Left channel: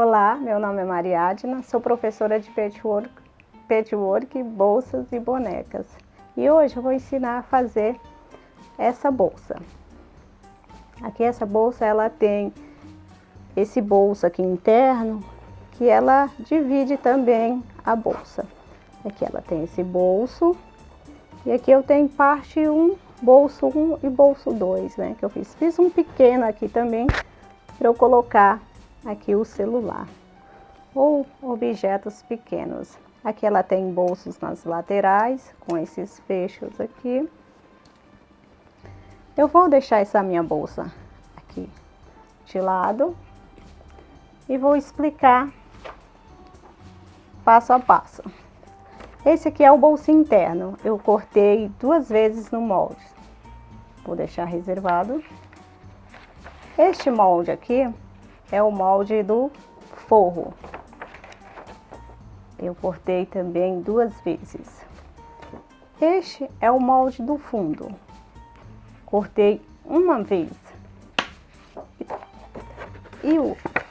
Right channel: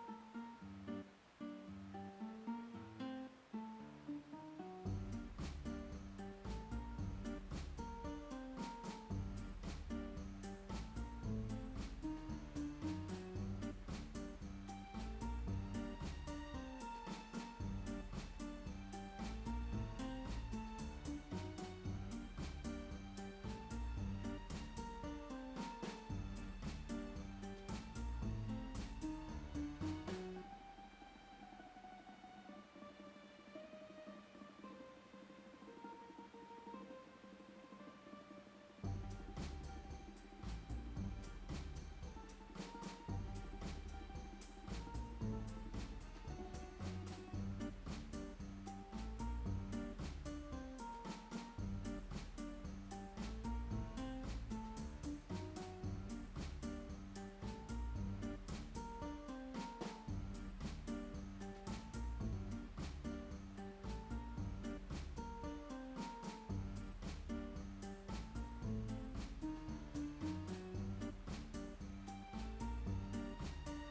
Olá, meu nome é Mariadna, sou professora de patchwork, bolsas e bonecas. E hoje eu vou ensinar a fazer essa bolsa. Aqui essa bolsa ela tem esse bolso aqui interno, que ela divide também a bolsa. Aqui ela tem esse bolso, e aqui eu tenho parte 1, bolso 1 e bolso 2, né? Que eu fiz um pequeno aqui também, para eu colocar aqui o celular ou objetos pequenos. Aqui ela tem bolsos nas laterais, com esses fechos aqui. Eu vou deixar essa minha bolsa aqui de lado e vou explicar passo a passo. Esse aqui é o bolso interno, eu cortei 2 vezes no molde. Vou deixar reservado. Este molde aqui é o molde do forro. Eu cortei também 2 vezes. Este é o molde do fundo. Cortei 1 vez. E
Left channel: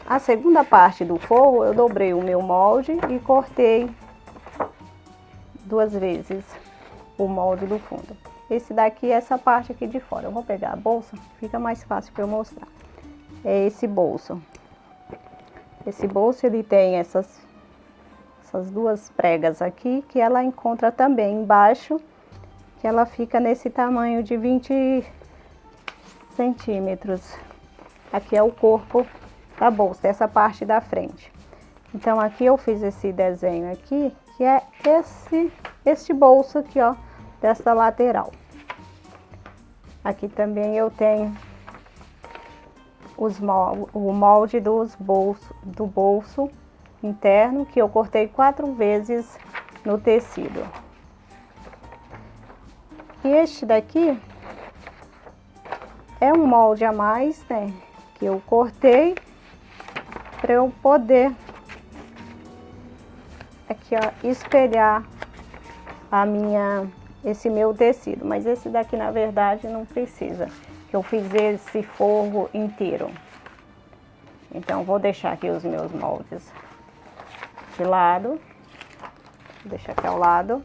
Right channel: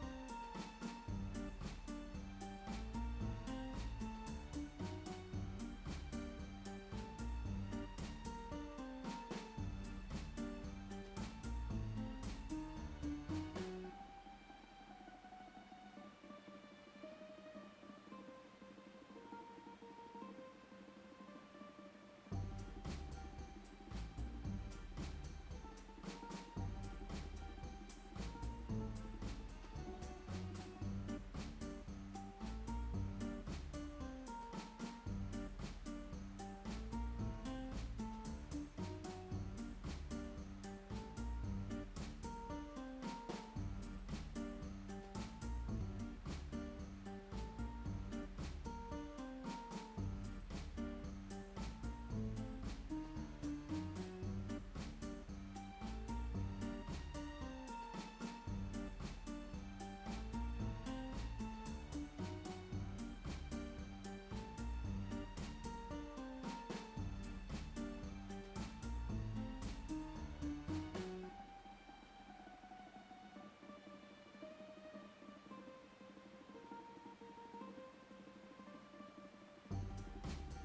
a segunda parte do forro, eu dobrei o meu molde e cortei 2 vezes o molde do fundo. Esse daqui é essa parte aqui de fora. Eu vou pegar a bolsa, fica mais fácil para eu mostrar. É esse bolso. Esse bolso ele tem essas 2 pregas aqui, que ela encontra também embaixo, que ela fica nesse tamanho de 20 centímetros. Aqui é o corpo da bolsa, essa parte da frente. Então aqui eu fiz esse desenho aqui, que é este bolso aqui, ó, dessa lateral. Aqui também eu tenho o molde do bolso interno, que eu cortei 4 vezes no tecido. E este daqui é um molde a mais, né, que eu cortei para eu poder aqui, ó, espelhar esse meu tecido, mas esse daqui na verdade não precisa, que eu fiz esse forro inteiro. Então vou deixar aqui os meus moldes de lado, vou deixar aqui ao lado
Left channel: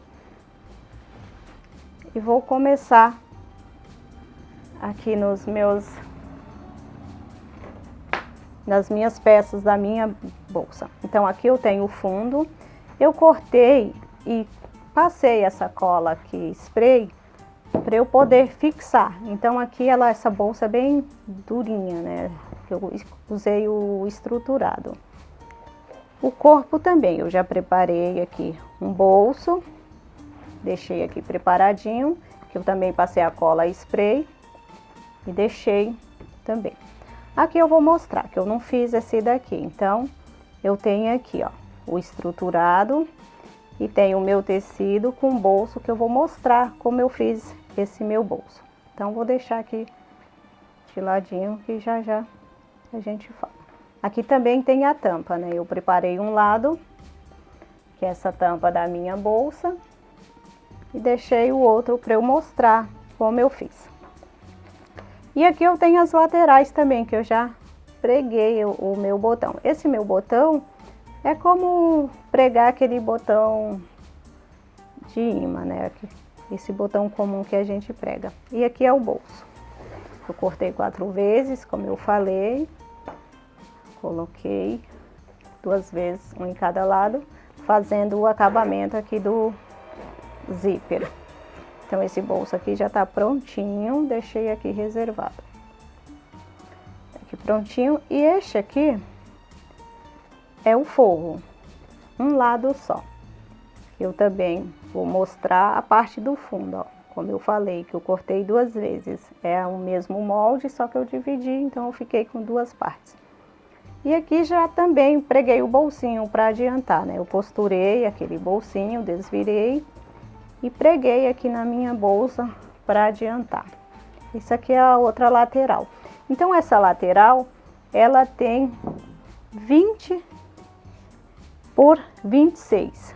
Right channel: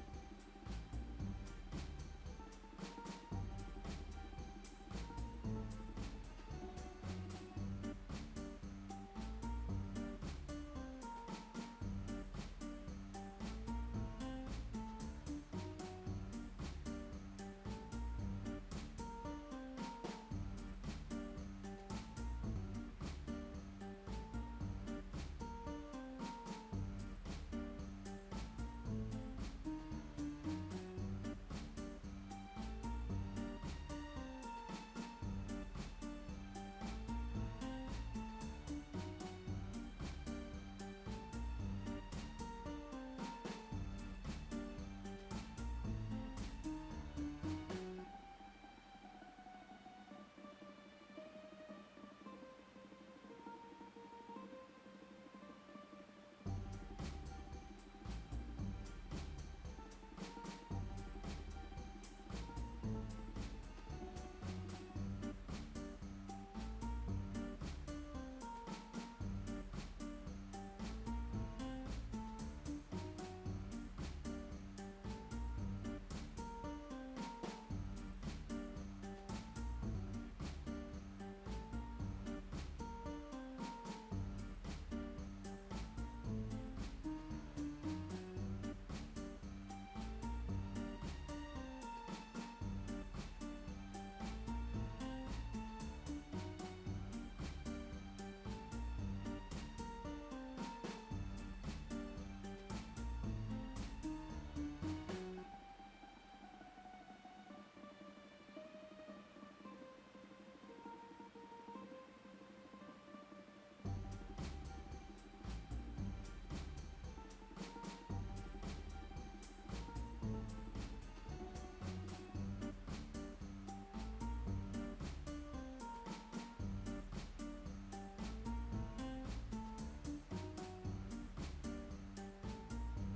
e vou começar aqui nas minhas peças da minha bolsa. Então aqui eu tenho o fundo, eu cortei e passei essa cola aqui, spray, para eu poder fixar. Então aqui essa bolsa é bem durinha, né? Eu usei o estruturado. O corpo também, eu já preparei aqui um bolso, deixei aqui preparadinho, que eu também passei a cola spray e deixei também. Aqui eu vou mostrar que eu não fiz esse daqui, então eu tenho aqui, ó, o estruturado e tenho o meu tecido com bolso, que eu vou mostrar como eu fiz esse meu bolso. Então vou deixar aqui de ladinho, que já já a gente fala. Aqui também tem a tampa, né? Eu preparei um lado, que é essa tampa da minha bolsa, e deixei o outro para eu mostrar como eu fiz. E aqui eu tenho as laterais também, que eu já preguei o meu botão. Esse meu botão é como pregar aquele botão de imã, né? Esse botão comum que a gente prega. E aqui é o bolso. Eu cortei 4 vezes, como eu falei. Coloquei 2 vezes, um em cada lado, fazendo o acabamento aqui do zíper. Então esse bolso aqui já tá prontinho, deixei aqui reservado. Aqui prontinho. E este aqui é o forro, um lado só. Eu também vou mostrar a parte do fundo, ó. Como eu falei, que eu cortei 2 vezes. É o mesmo molde, só que eu dividi, então eu fiquei com 2 partes. E aqui já também preguei o bolsinho para adiantar, né? Eu costurei aquele bolsinho, desvirei e preguei aqui na minha bolsa para adiantar. Isso aqui é a outra lateral. Então essa lateral, ela tem 20 por 26.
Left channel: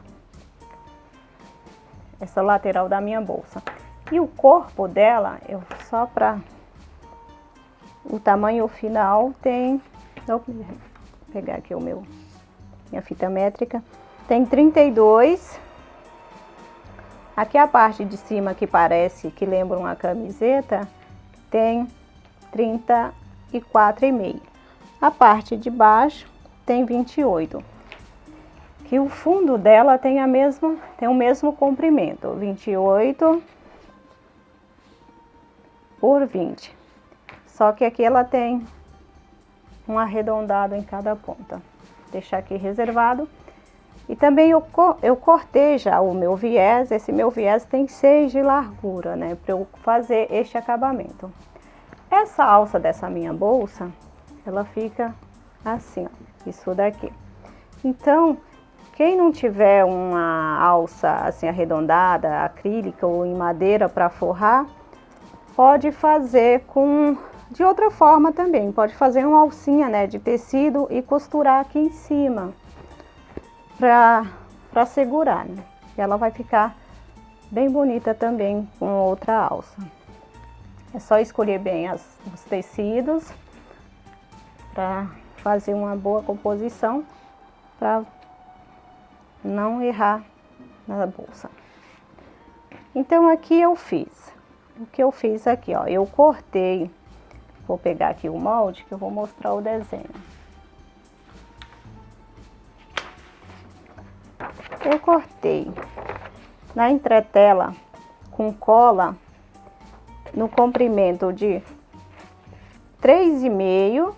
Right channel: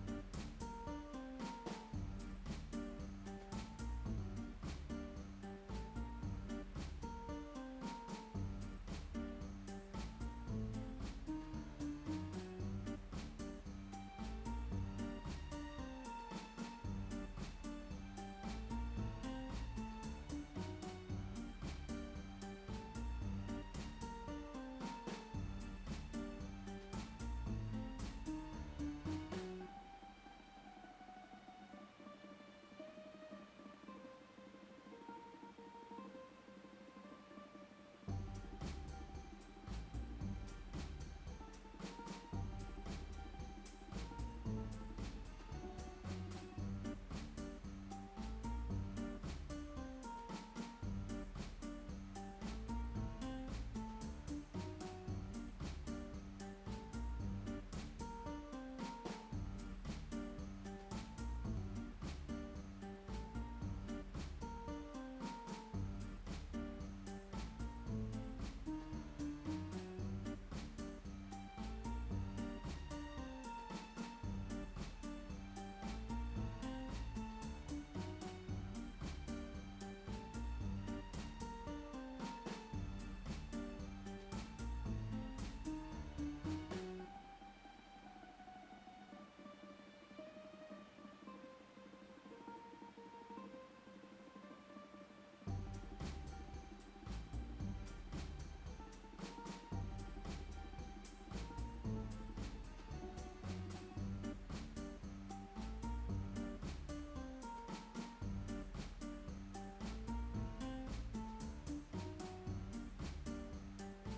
Essa lateral da minha bolsa. E o corpo dela, só para o tamanho final tem Vou pegar aqui minha fita métrica. Tem 32. Aqui a parte de cima que parece, que lembra uma camiseta, tem 34,5. A parte de baixo tem 28. Que o fundo dela tem o mesmo comprimento, 28 por 20. Só que aqui ela tem um arredondado em cada ponta. Vou deixar aqui reservado. E também eu cortei já o meu viés. Esse meu viés tem 6 de largura, né? Para eu fazer este acabamento. Essa alça dessa minha bolsa, ela fica assim, ó. Isso daqui. Então, quem não tiver uma alça assim arredondada, acrílica ou em madeira para forrar, pode fazer de outra forma também. Pode fazer uma alcinha, né, de tecido e costurar aqui em cima para segurar, né? E ela vai ficar bem bonita também com outra alça. É só escolher bem os tecidos para fazer uma boa composição, para não errar na bolsa. Então aqui eu fiz. O que eu fiz aqui, ó, eu cortei. Vou pegar aqui o molde que eu vou mostrar o desenho. Eu cortei na entretela com cola no comprimento de 3,5,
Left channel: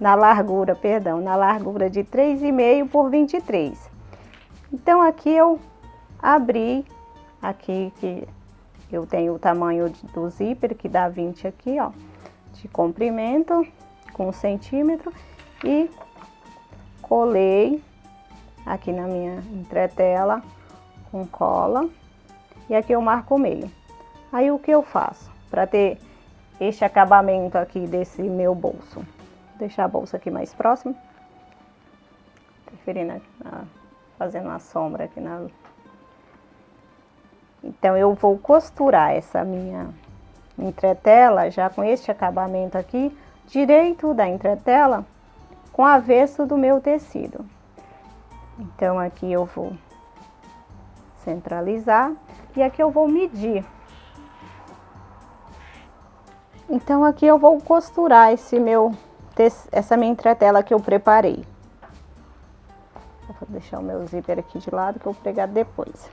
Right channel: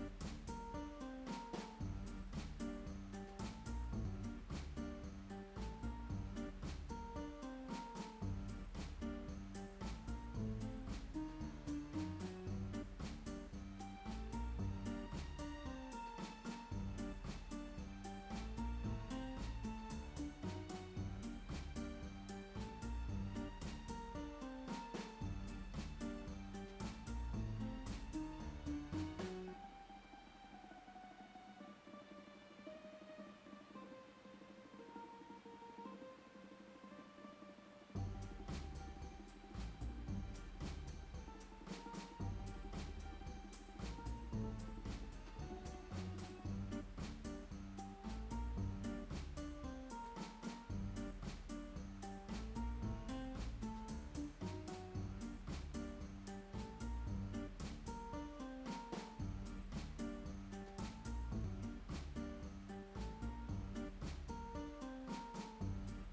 na largura de 3,5 por 23. Então aqui eu abri, aqui que eu tenho o tamanho do zíper, que dá 20 aqui, ó, de comprimento, com 1 centímetro, e colei aqui na minha entretela com cola, e aqui eu marco o meio. Aí o que eu faço para ter este acabamento aqui desse meu bolso? Vou deixar a bolsa aqui mais próxima, preferindo fazendo uma sombra aqui na... Então eu vou costurar essa minha entretela já com este acabamento aqui, direito da entretela, com o avesso do meu tecido. Então aqui eu vou centralizar e aqui eu vou medir. Então aqui eu vou costurar essa minha entretela que eu preparei. Vou deixar o meu zíper aqui de lado que eu vou pregar depois.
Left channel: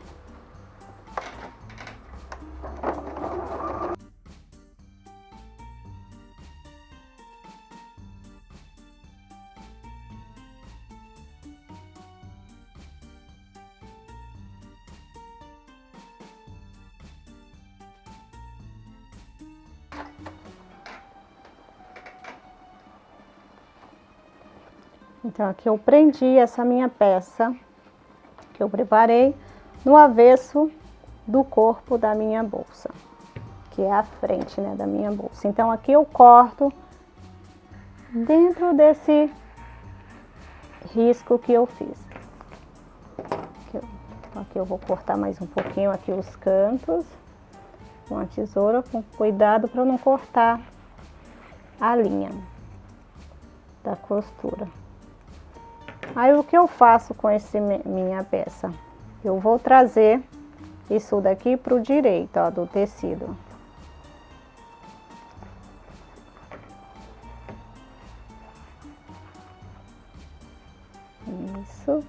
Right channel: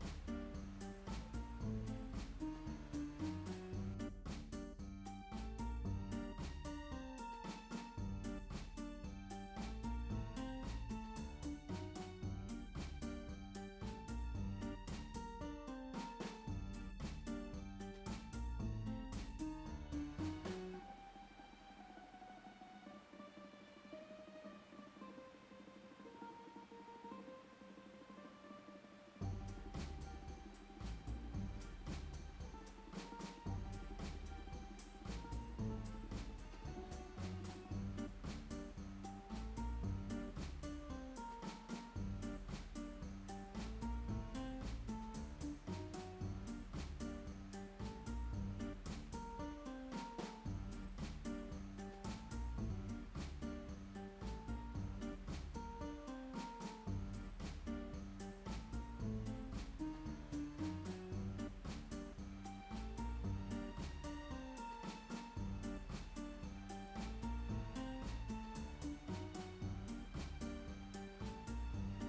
Então aqui eu prendi essa minha peça que eu preparei no avesso do corpo da minha bolsa, que é a frente, né, da minha bolsa. Então aqui eu corto dentro desse risco que eu fiz. Aqui eu vou cortar mais um pouquinho aqui os cantos com a tesoura, com cuidado para não cortar a linha da costura. Aí o que eu faço com minha peça? Eu vou trazer isso daqui pro direito, ó, do tecido. Isso.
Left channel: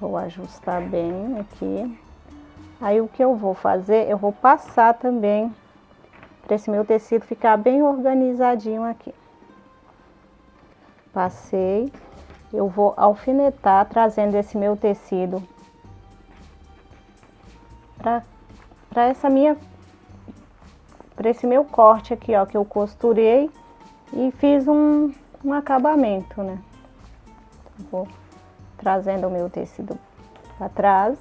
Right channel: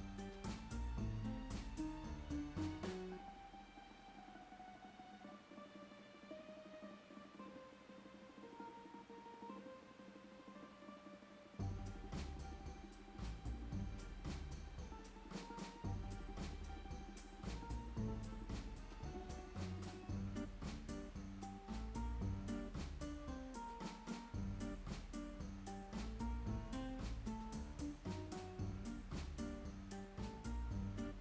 Vou ajustar bem aqui. Aí o que eu vou fazer? Eu vou passar também para esse meu tecido ficar bem organizadinho aqui. Passei, eu vou alfinetar, trazendo esse meu tecido para esse meu corte aqui, ó, que eu costurei e fiz um acabamento, né? Vou trazendo o meu tecido para trás,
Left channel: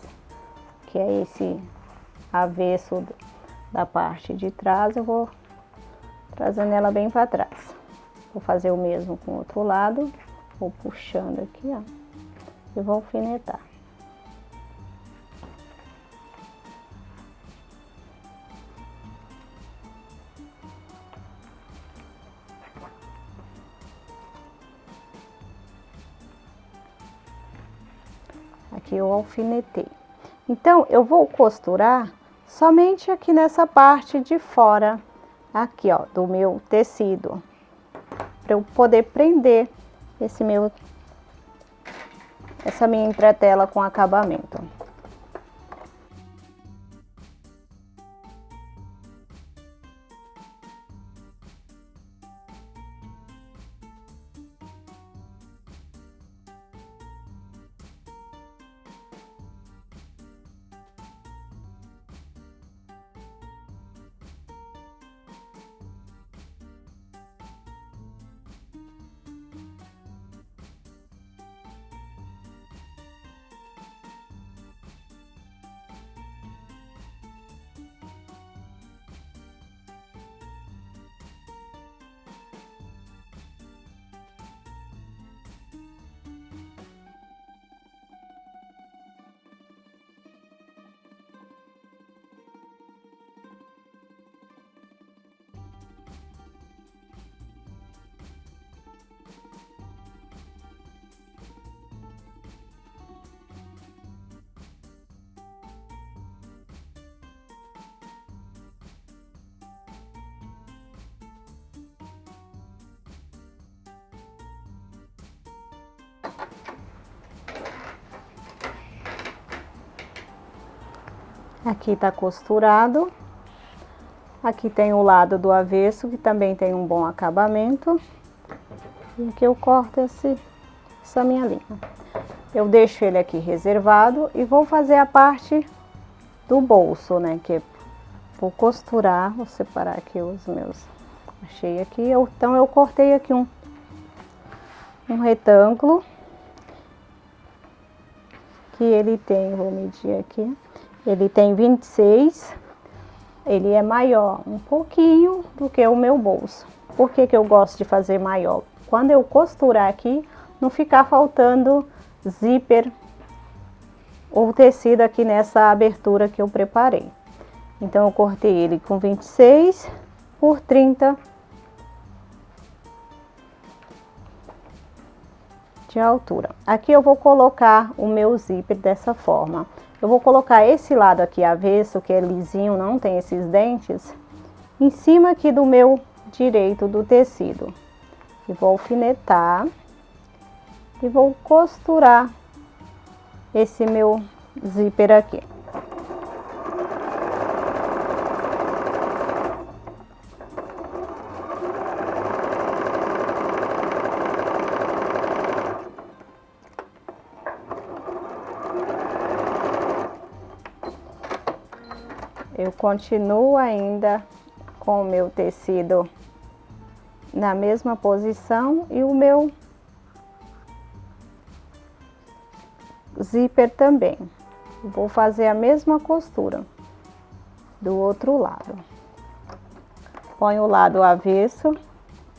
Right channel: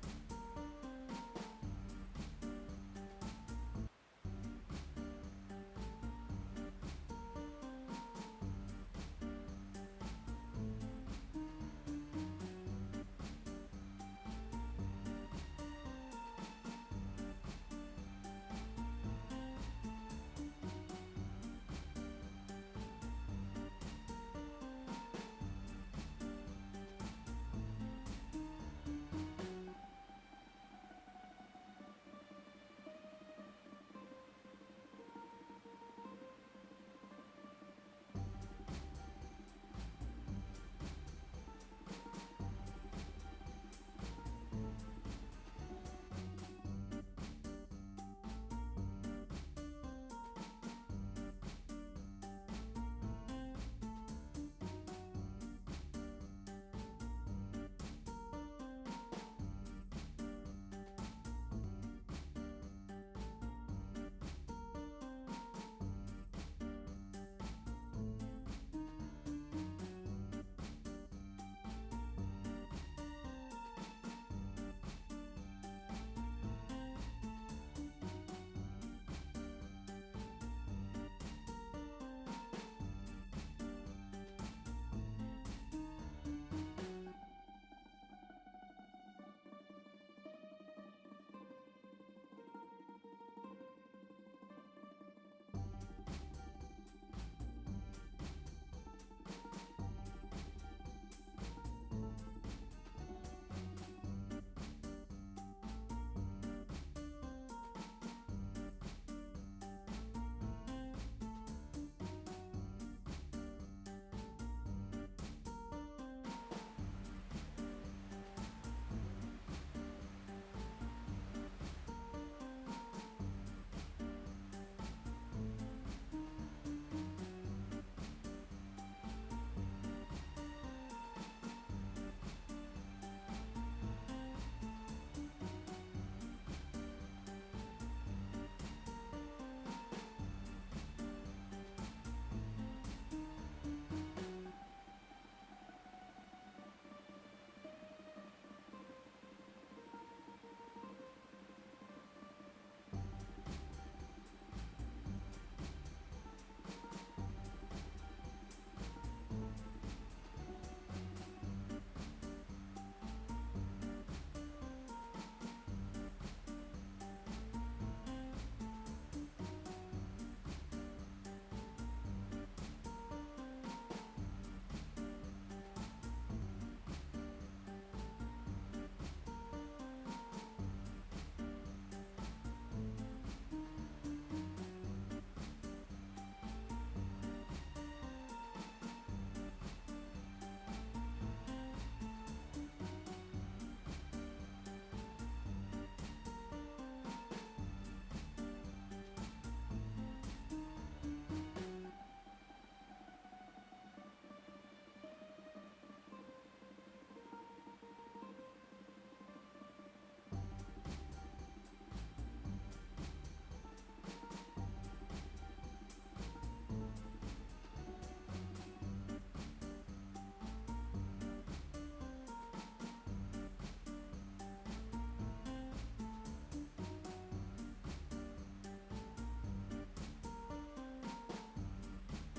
que é esse avesso da parte de trás, eu vou trazendo ela bem para trás. Vou fazer o mesmo com o outro lado, vou puxando aqui, ó, e vou alfinetar. Aqui eu alfinetei. Então, eu vou costurar somente aqui nessa parte de fora, aqui, ó, do meu tecido, para eu poder prender essa minha entretela com acabamento. Aqui tá costurado. Aqui tem o lado do avesso, que também tem um bom acabamento. E aqui eu corto essa minha linha. Eu deixo ele aqui reservado e vou fazer a parte do bolso, né? Que vou costurar, vou separar aqui os meus. Achei aqui, então eu cortei aqui um retângulo. Que ele tem, vou medir aqui. Ele tem 26, ele é maior um pouquinho do que o meu bolso. Por que que eu gosto de fazer maior? Quando eu costurar aqui, não ficar faltando zíper ou tecido aqui nessa abertura que eu preparei. Então, eu cortei ele com 26 por 30 de altura. Aqui eu vou colocar o meu zíper dessa forma. Eu vou colocar esse lado aqui avesso, que é lisinho, não tem esses dentes, em cima aqui do meu direito do tecido. E vou alfinetar e vou costurar esse meu zíper aqui. Eu continuo ainda com o meu tecido na mesma posição e o meu zíper também. Vou fazer a mesma costura do outro lado. Ponho o lado avesso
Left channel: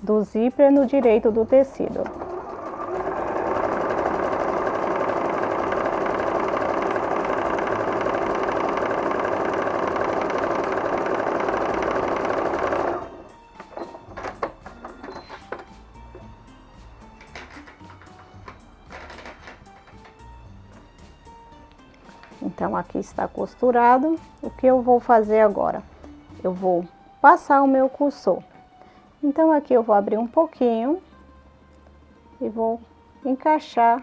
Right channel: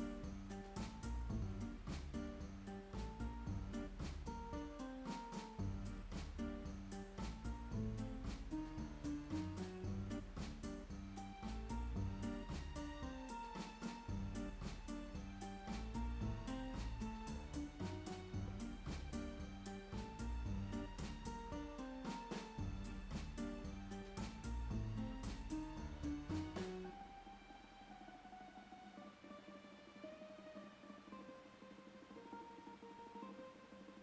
do zíper no direito do tecido. Então, aqui está costurado. O que eu vou fazer agora? Eu vou passar o meu cursor. Então, aqui eu vou abrir um pouquinho e vou encaixar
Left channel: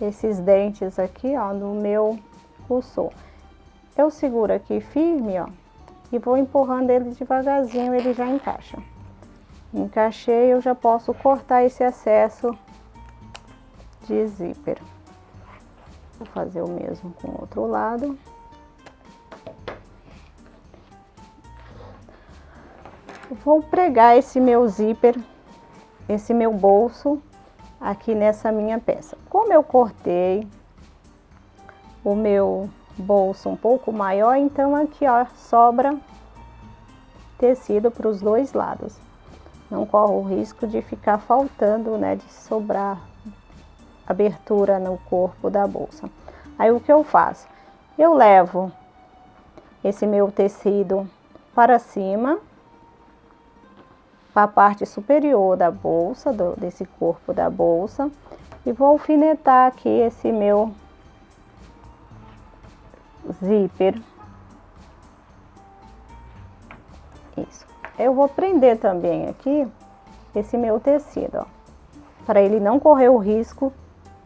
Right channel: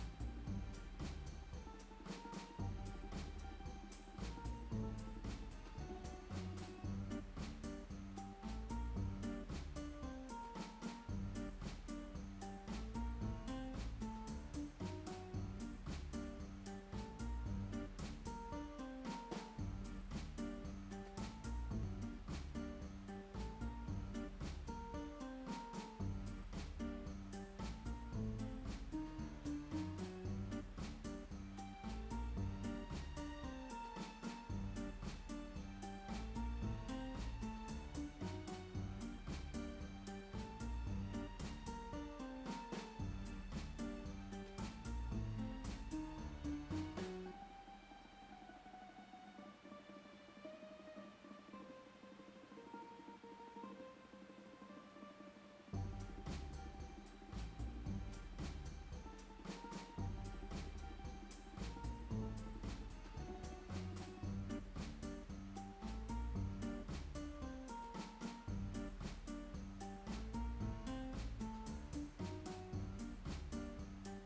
esses dentes aqui, ó, no meu cursor. Eu seguro aqui firme, ó, e vou empurrando ele devagarzinho, ele já encaixa. Encaixei, eu já posso cortar esse excesso de zíper. Vou fazer o mesmo com o outro lado. Vou pregar esse meu zíper, esse meu bolso aqui nessa minha peça. Como eu cortei o meu bolso um pouco maior, então aqui, ó, sobra tecido para os dois lados. Não corro o risco de ficar faltando, né, de sobrar abertura no corpo da bolsa. Aí o que eu faço? Eu levo esse meu tecido para cima, para a parte superior da bolsa, desse corpo da bolsa, E vou alfinetar aqui esse meu zíper. Isso. Eu vou prender também aqui esse meu tecido, ó, para ele não correr o risco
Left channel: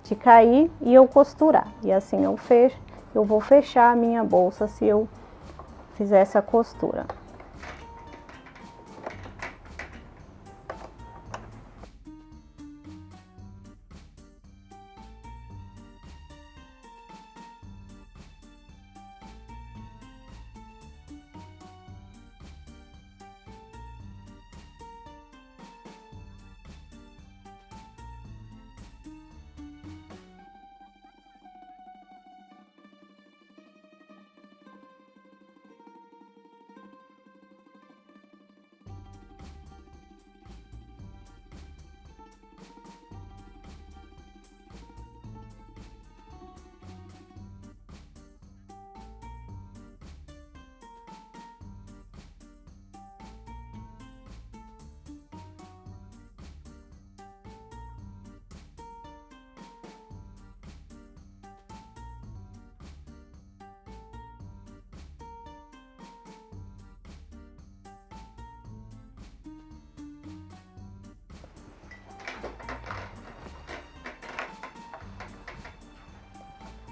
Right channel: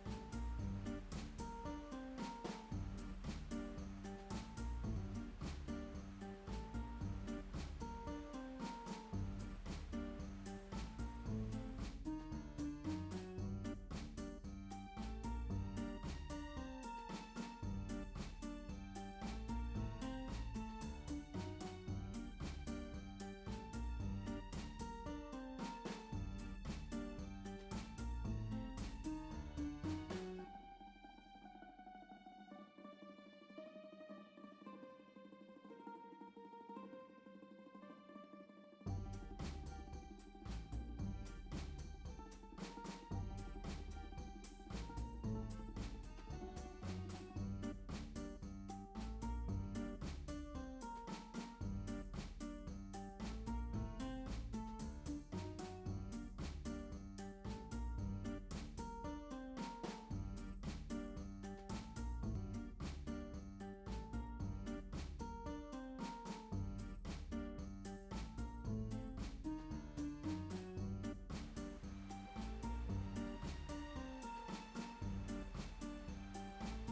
de cair e eu costurar. E assim eu vou fechar a minha bolsa se eu fizer essa costura.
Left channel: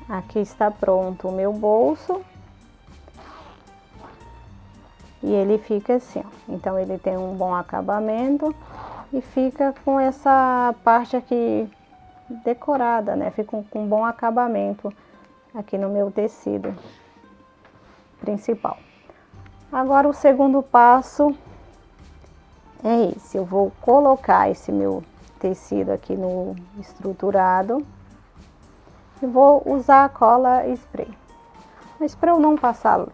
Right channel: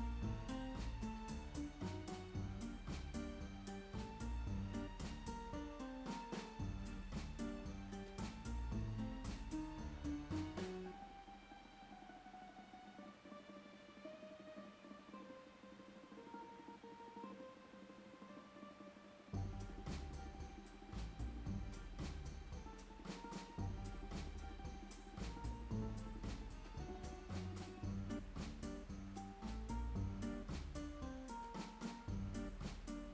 Aqui está pronto o meu bolso. E ele fica assim, ó. Então ele tem um bom acabamento e fica com essa parte aqui decorada, né? Fica com um bom acabamento aqui no meu tecido principal. Agora o segundo passo é esse. Eu vou colocar esse meu tecido aqui no estruturado e vou usar a cola spray. Mas para eu não passar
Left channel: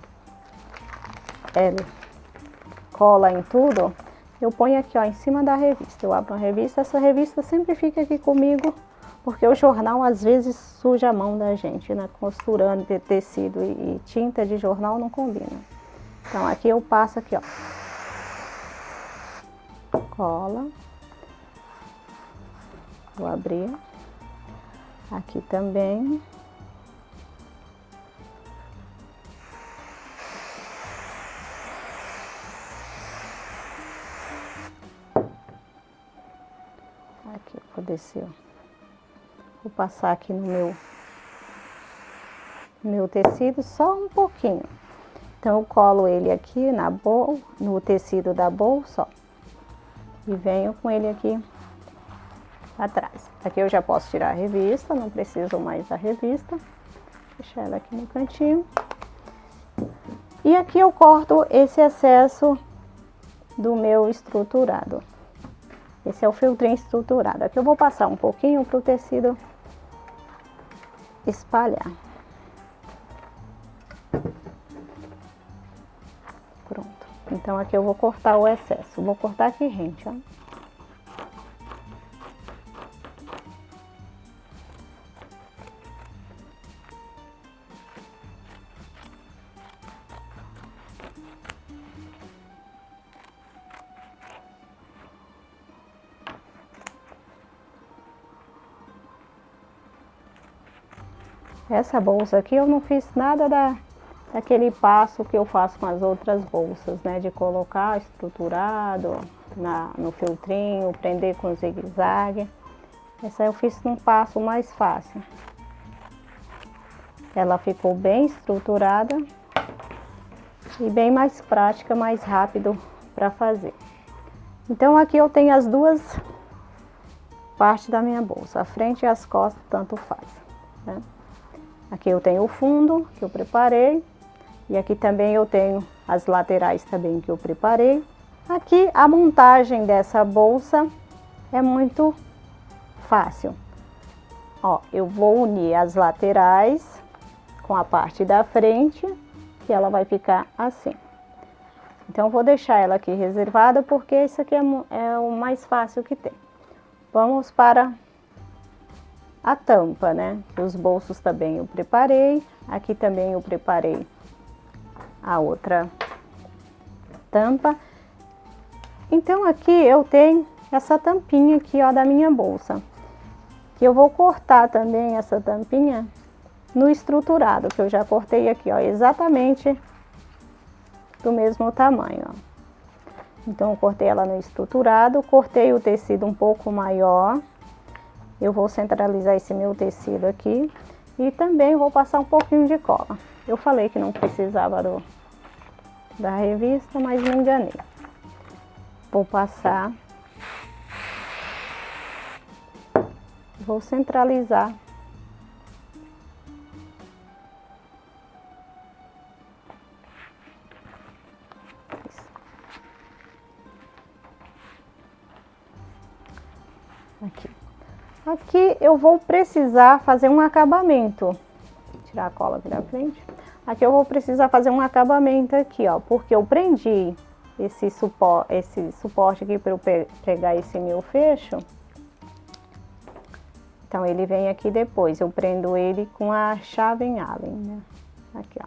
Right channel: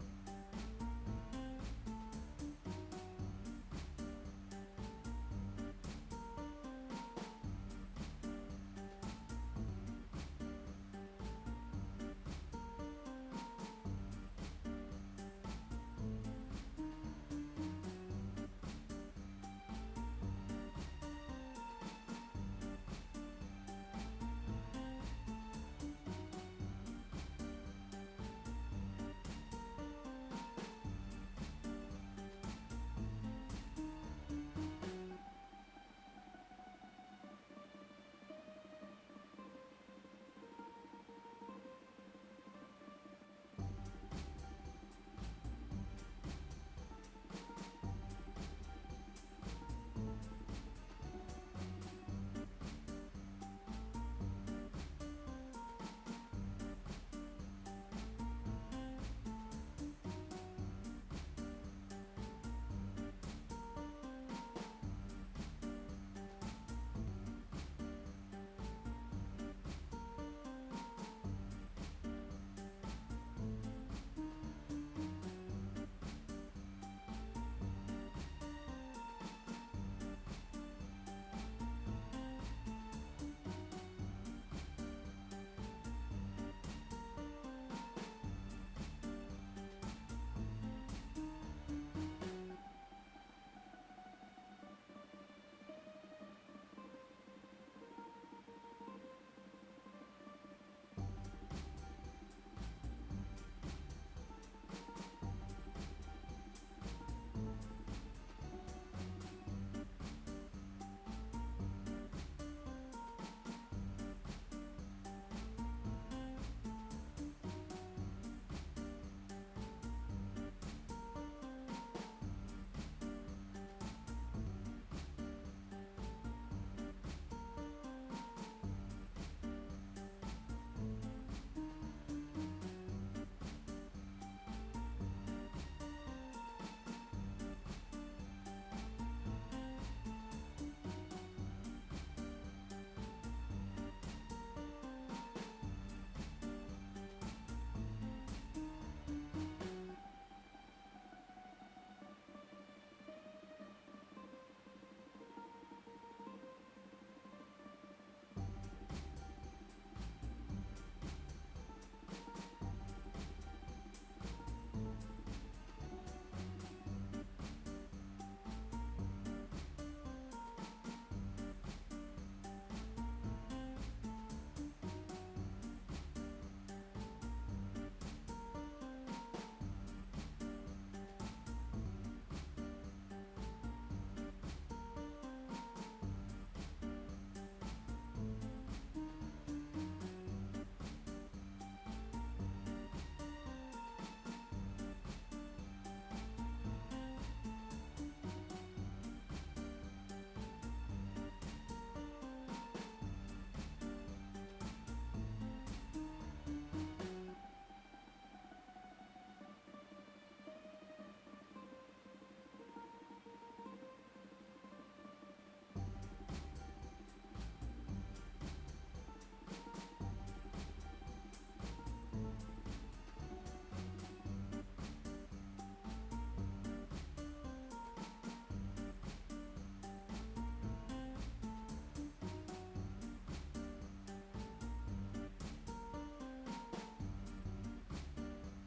cola em tudo, eu ponho aqui, ó, em cima da revista. Eu abro a revista, essa revista sempre fica aqui comigo, porque o jornal às vezes suja a mão da gente, né? Costurando de tecido e tinta de jornal não combina. Então aqui eu passo aqui, ó, cola. Vou abrir. Aqui também. Aqui eu vou descer. Vou passar aqui no meu tecido só um pouquinho. Então eu colo ele aqui no tecido da bolsa, ó, e venho com ele aqui atrás. Aqui eu já posso tirar a revista, não preciso mais da revista. Deixar ela aqui no cantinho. E aqui eu corto esse excesso do meu estruturado. Esse é o filtrinho estruturado. Aqui eu vou passar um pouquinho para o tecido espalhar. Pronto. Então aqui eu vou cortar o excesso. Vou cortar aqui rente, ó. Essa bolsa aqui eu não fiz nada daquele passo que eu faço com as outras bolsas, né? De colocar estruturado no filtrinho, prender com zigue-zague. Essa eu fiz num passo mais fácil. Ela ficou bem estruturada e bem mais prática, mais rápido para fazer. Então aqui eu tenho as duas partes da minha bolsa, a frente e as costas, tanto faz, né? Aqui eu tenho o fundo que eu preparei e aqui também eu tenho as laterais também que eu preparei. Aqui a montagem dessa bolsa é muito fácil. Ó, eu vou unir as laterais com a parte da frente e ela vai ficar assim. Então eu vou deixar ela aqui reservada porque isso aqui é o mais fácil que tem. Vamos para a tampa, né? Os bolsos também eu preparei. Aqui também eu preparei a outra tampa. Então aqui eu tenho essa tampinha aqui, ó, da minha bolsa. E eu vou cortar também essa tampinha no estruturado, que eu já cortei aqui, ó, exatamente do mesmo tamanho, ó. Então, eu cortei ela no estruturado, cortei o tecido um pouco maior. Eu vou centralizar esse meu tecido aqui e também vou passar um pouquinho de cola. Eu falei que não precisava da revista, mas me enganei. Vou passar. Vou centralizar. Aqui. Aqui eu vou precisar fazer um acabamento. Tirar a cola aqui da frente. Aqui eu vou precisar fazer um acabamento aqui, ó, porque eu prendi esse suporte aqui para eu pegar esse meu fecho. Então, ele vem aqui depois, eu prendo ele com a chave em Allen, né? Aqui, ó,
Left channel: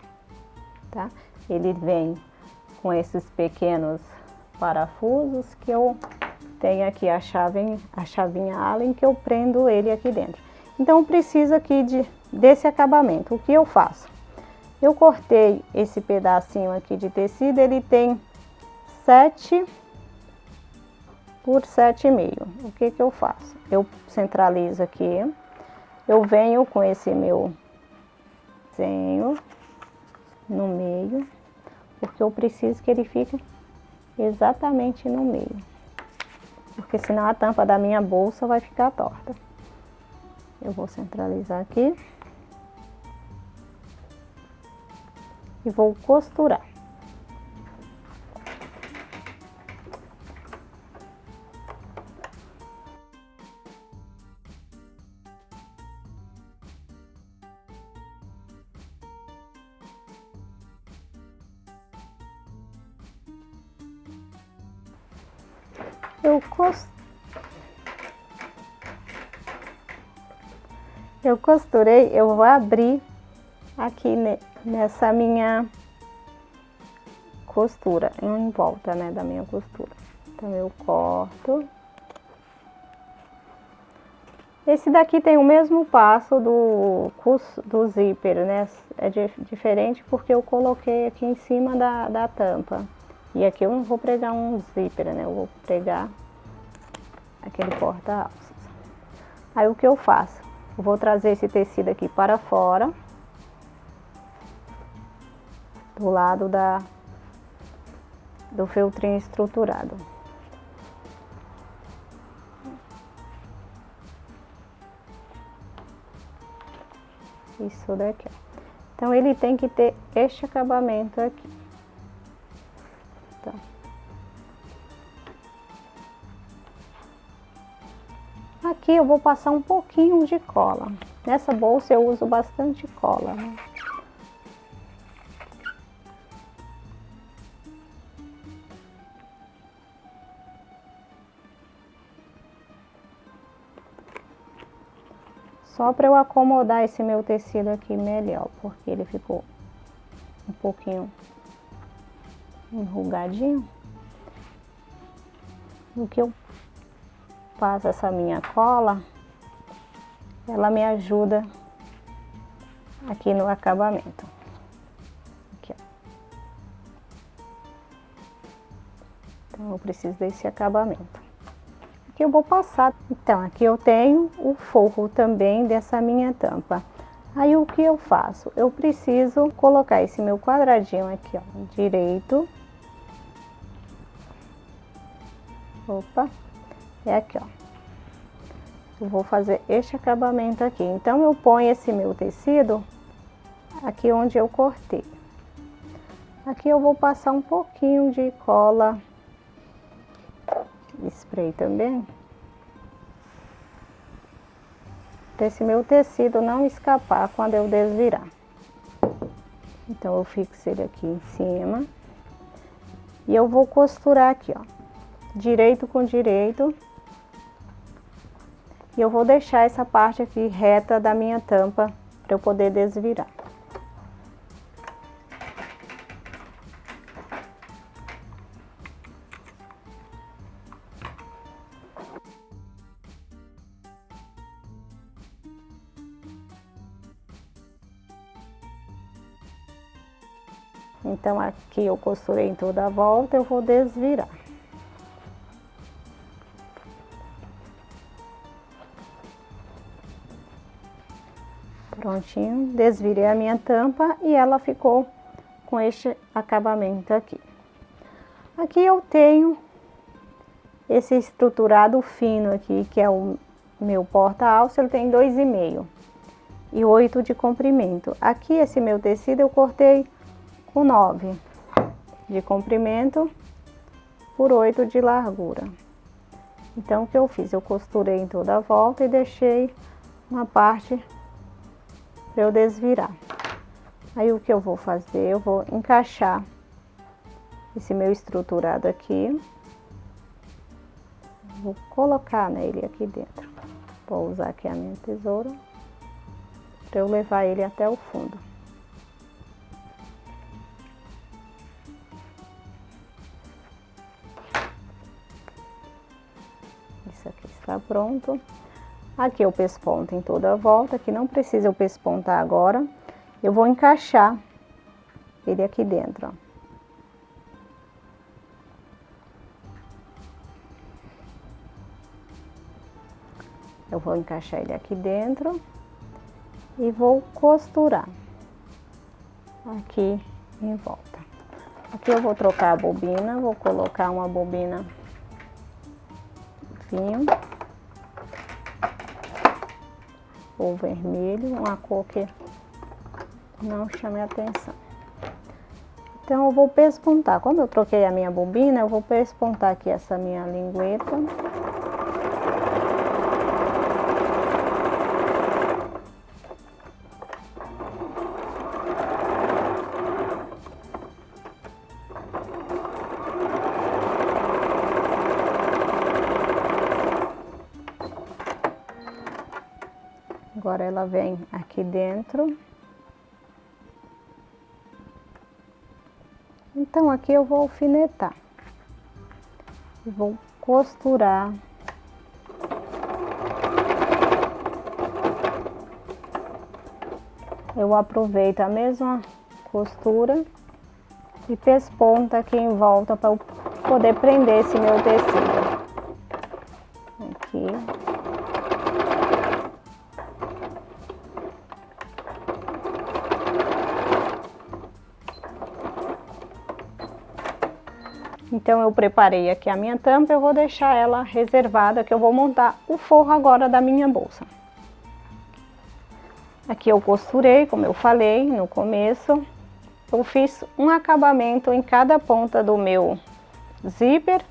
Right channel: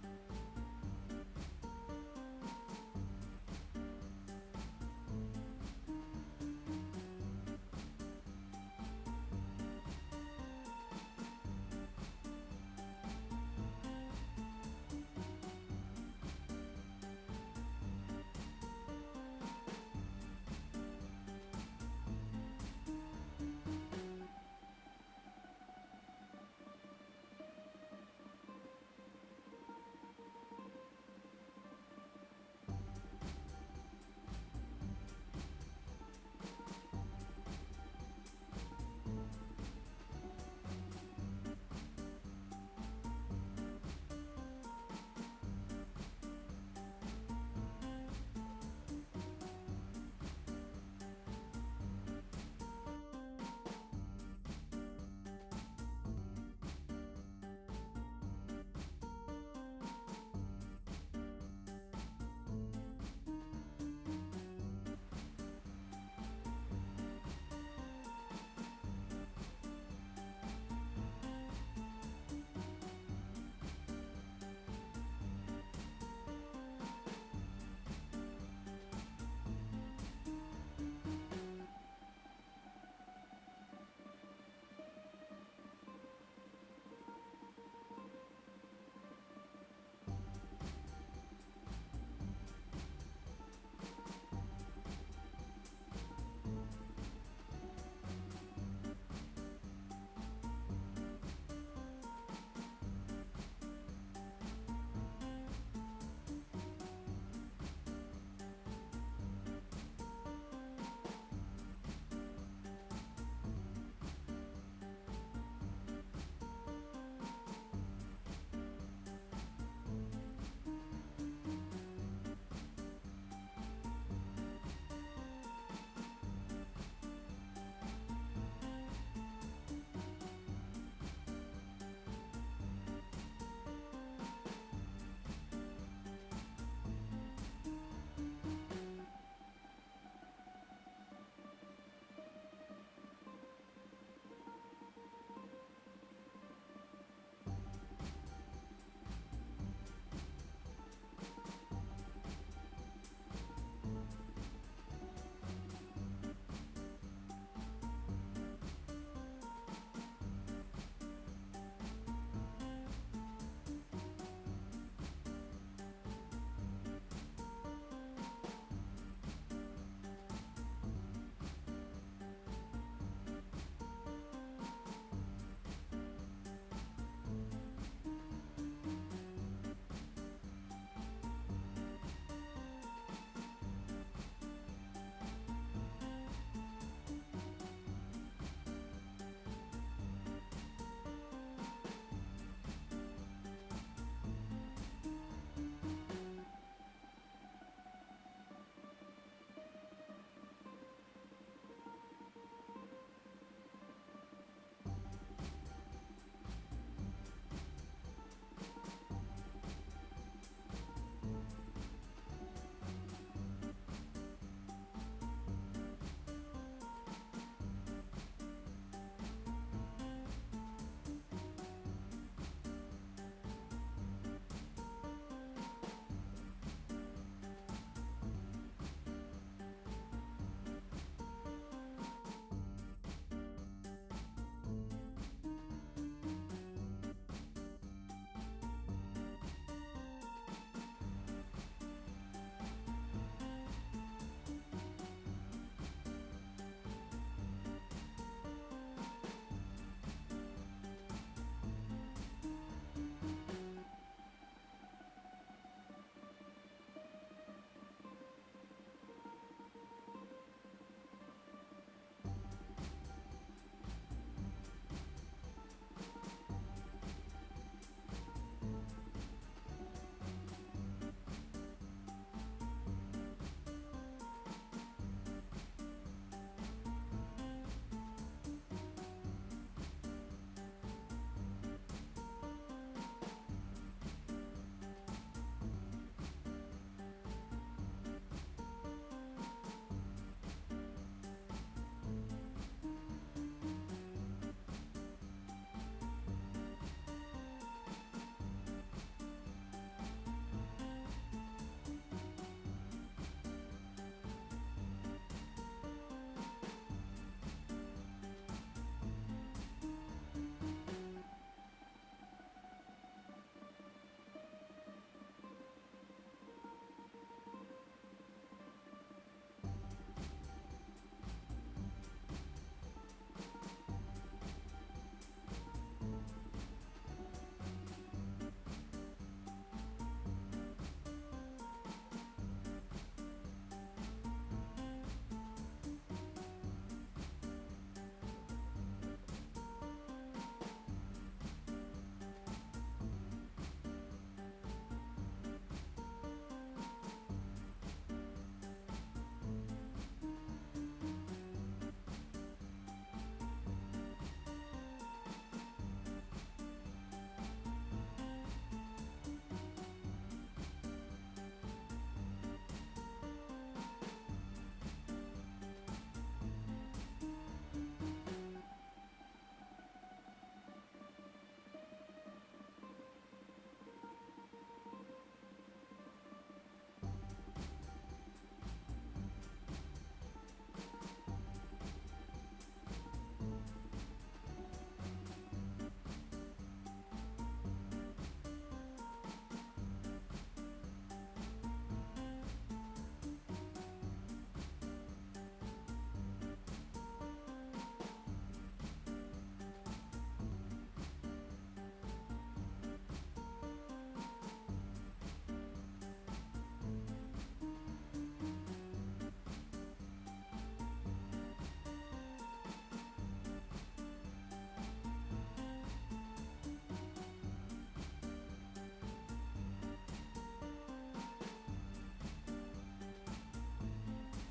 tá? Ele vem com esses pequenos parafusos que eu tenho aqui a chavinha Allen que eu prendo ele aqui dentro. Então, preciso aqui desse acabamento. O que eu faço? Eu cortei esse pedacinho aqui de tecido, ele tem 7 por 7,5. O que eu faço? Eu centralizo aqui, eu venho com esse meu desenho no meio, porque eu preciso que ele fique exatamente no meio, porque senão a tampa da minha bolsa vai ficar torta. Eu vou centralizar aqui e vou costurar. Eu costurei, eu vou abrir aqui nessa minha costura, em volta, né, da minha costura. Então, eu corto. Esse daqui tem o mesmo passo do zíper, né? É diferente porque eu coloquei aqui em cima da tampa. E aqui eu não vou pregar um zíper, né? Eu vou pregar aquele porta-alças. Aí, o que eu faço? Eu vou trazer esse tecido aqui para fora, do lado do feltrinho estruturado. Isso daqui, ó. Então, ele tem que ter este acabamento aqui. Então. Aqui eu vou passar um pouquinho de cola. Nessa bolsa eu uso bastante cola, né? Só para eu acomodar esse meu tecido aqui melhor, porque ele ficou um pouquinho enrugadinho. O que eu faço essa minha cola, ela me ajuda aqui no acabamento. Aqui, ó. Então, eu preciso desse acabamento. Aqui eu vou passar. Então, aqui eu tenho o forro também dessa minha tampa. Aí, o que eu faço? Eu preciso colocar esse meu quadradinho aqui, ó, direito. Opa! É aqui, ó. Eu vou fazer este acabamento aqui. Então, eu ponho esse meu tecido aqui onde eu cortei. Aqui eu vou passar um pouquinho de cola spray também. Para esse meu tecido não escapar quando eu desvirar. Então, eu fixo ele aqui em cima. E eu vou costurar aqui, ó. Direito com direito. E eu vou deixar essa parte aqui reta da minha tampa para eu poder desvirar. Então, aqui eu costurei em toda a volta, eu vou desvirar. Prontinho, desvirei a minha tampa e ela ficou com este acabamento aqui. Aqui eu tenho esse estruturado fino aqui, que é o meu porta-alça, ele tem 2,5 e 8 de comprimento. Aqui esse meu tecido eu cortei com 9 de comprimento por 8 de largura. Então o que eu fiz? Eu costurei em toda a volta e deixei uma parte para eu desvirar. Aí o que eu vou fazer? Eu vou encaixar esse meu estruturado aqui. Vou colocar nele aqui dentro. Vou usar aqui a minha tesoura para eu levar ele até o fundo. Isso aqui está pronto. Aqui eu pesponto em toda a volta, que não precisa eu pespontar agora. Eu vou encaixar ele aqui dentro, ó. Eu vou encaixar ele aqui dentro e vou costurar aqui em volta. Aqui eu vou trocar a bobina, vou colocar uma bobina fino ou vermelho, uma cor que não chame a atenção. Então eu vou pespontar. Como eu troquei a minha bobina, eu vou pespontar aqui essa minha lingueta. Agora ela vem aqui dentro. Então aqui eu vou alfinetar. E vou costurar. Eu aproveito a mesma costura e pesponta aqui em volta para eu poder prender esse meu tecido. Aqui. Então eu preparei aqui a minha tampa, eu vou deixar ela reservada, que eu vou montar o forro agora da minha bolsa. Aqui eu costurei, como eu falei no começo, eu fiz um acabamento em cada ponta do meu zíper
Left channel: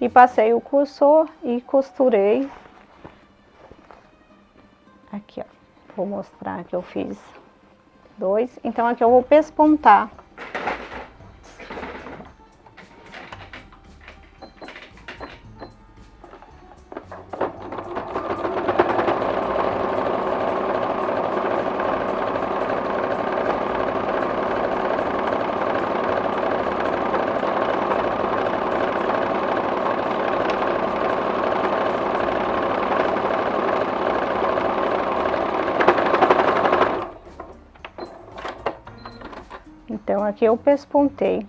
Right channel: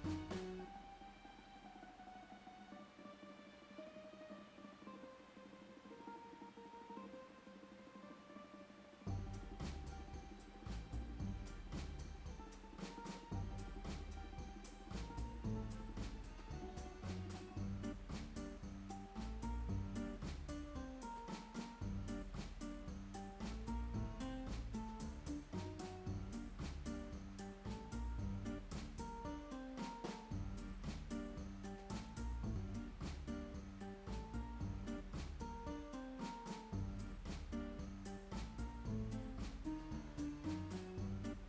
e passei o cursor e costurei. Aqui, ó, vou mostrar que eu fiz 2, então aqui eu vou pespontar. Então aqui eu pespontei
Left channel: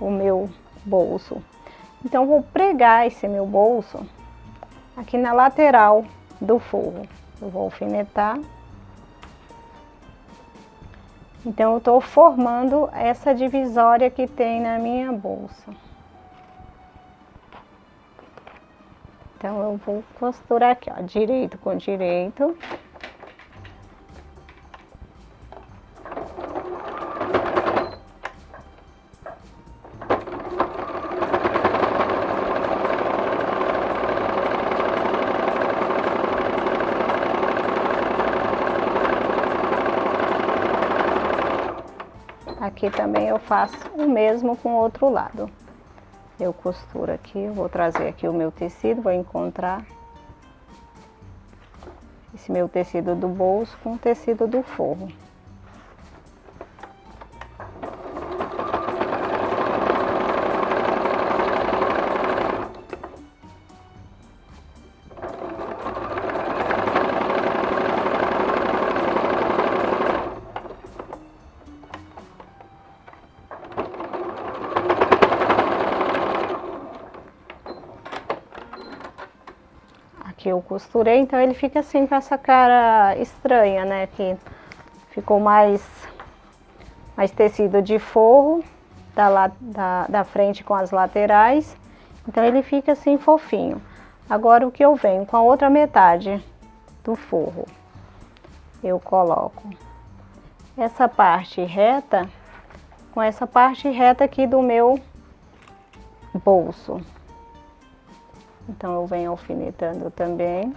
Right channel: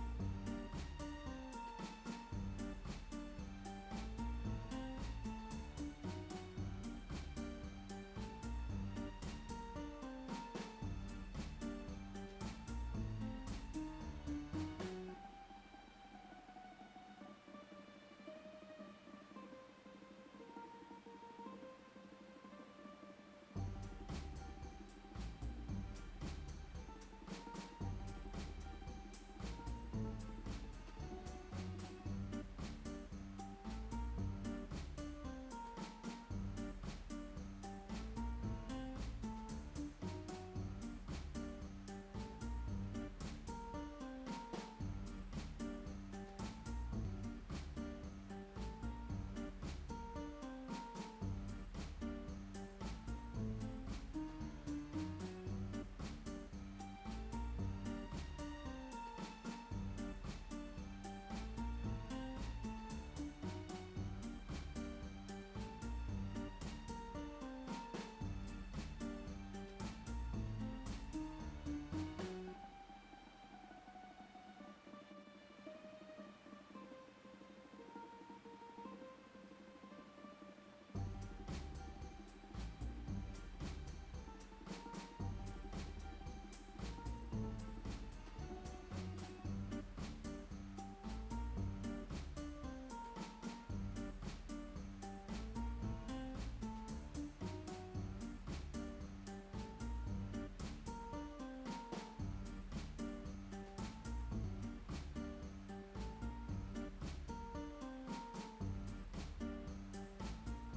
o meu bolso. Então vou pregar esse meu bolso aqui na lateral do forro. Eu vou alfinetar. Então eu estou formando essa divisória que tem na minha bolsa. Então eu vou costurar aqui, ó, direito com direito. Aqui também eu faço o mesmo com o outro lado. Eu costuro aqui, vou trazer aqui o meu tecido, vou encontrar esse meu tecido do bolso com o tecido do forro. que eu costurei, então ele fica assim com essa cara estranha, né? Que ficou mais tecido de forro da frente com as laterais, então ele fica assim fofinho. Agora o que eu venho com a outra metade do forro, eu coloco essa parte reta com essa parte reta aqui do meu bolso. Então eu venho alfinetando também.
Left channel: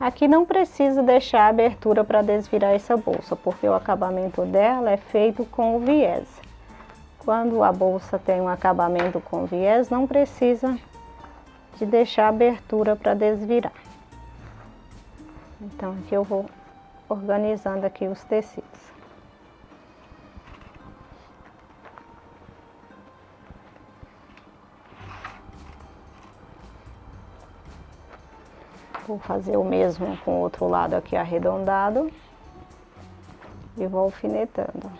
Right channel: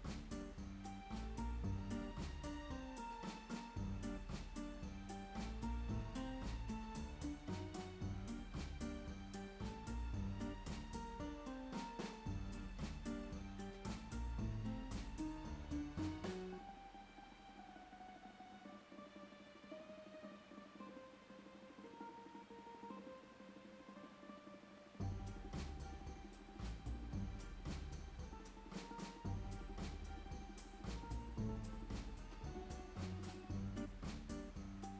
Aqui não precisa deixar abertura para desvirar essa bolsa, porque o acabamento dela é feito com o viés. Quando a bolsa tem um acabamento com viés, não precisa de deixar abertura para desvirar. Então aqui eu vou organizando aqui os tecidos. Vou fazer o mesmo com o outro lado aqui arredondado e vou alfinetando.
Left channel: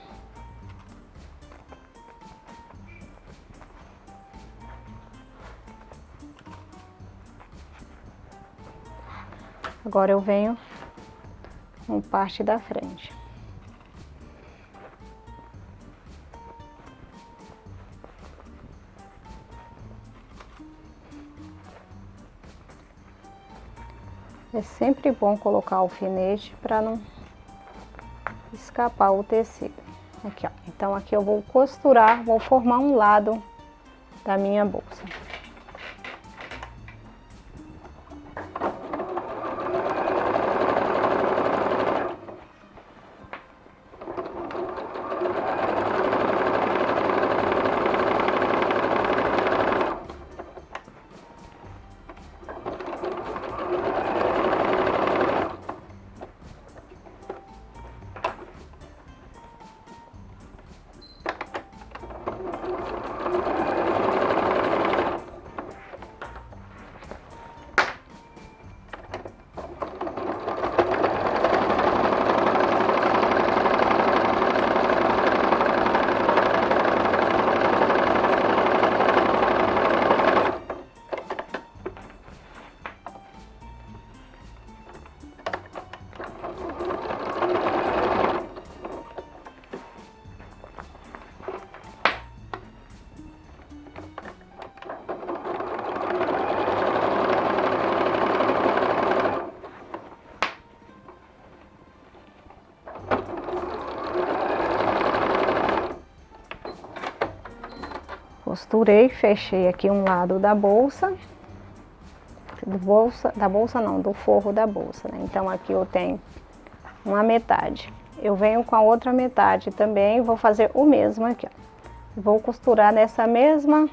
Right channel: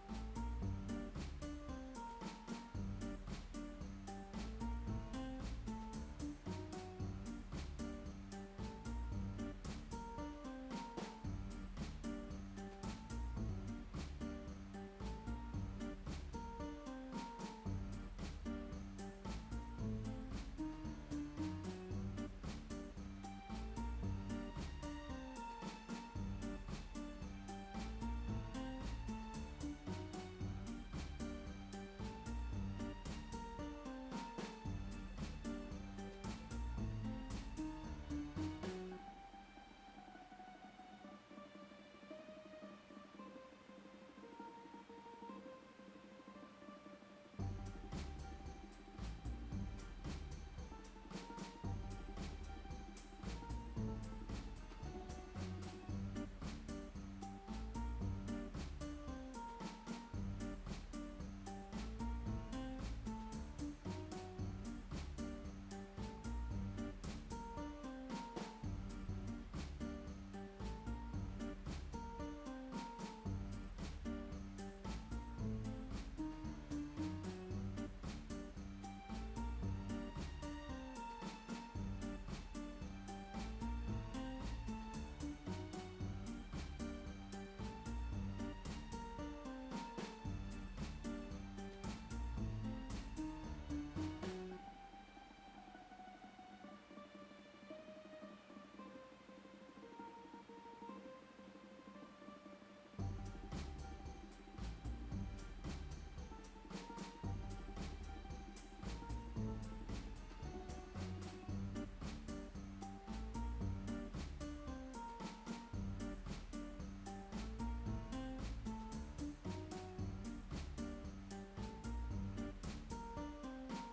Agora eu venho com parte da frente. É sempre bom colocar alfinete para não escapar o tecido. Aqui, ó. Então aqui eu vou costurar, vou formar um lado da minha bolsa. Costurei, fechei aqui um lado da bolsa, do forro da bolsa, né? Então aqui eu tenho uma metade. Eu venho com a outra metade também, vou fazer o mesmo aqui, ó. Vou costurar nessa mesma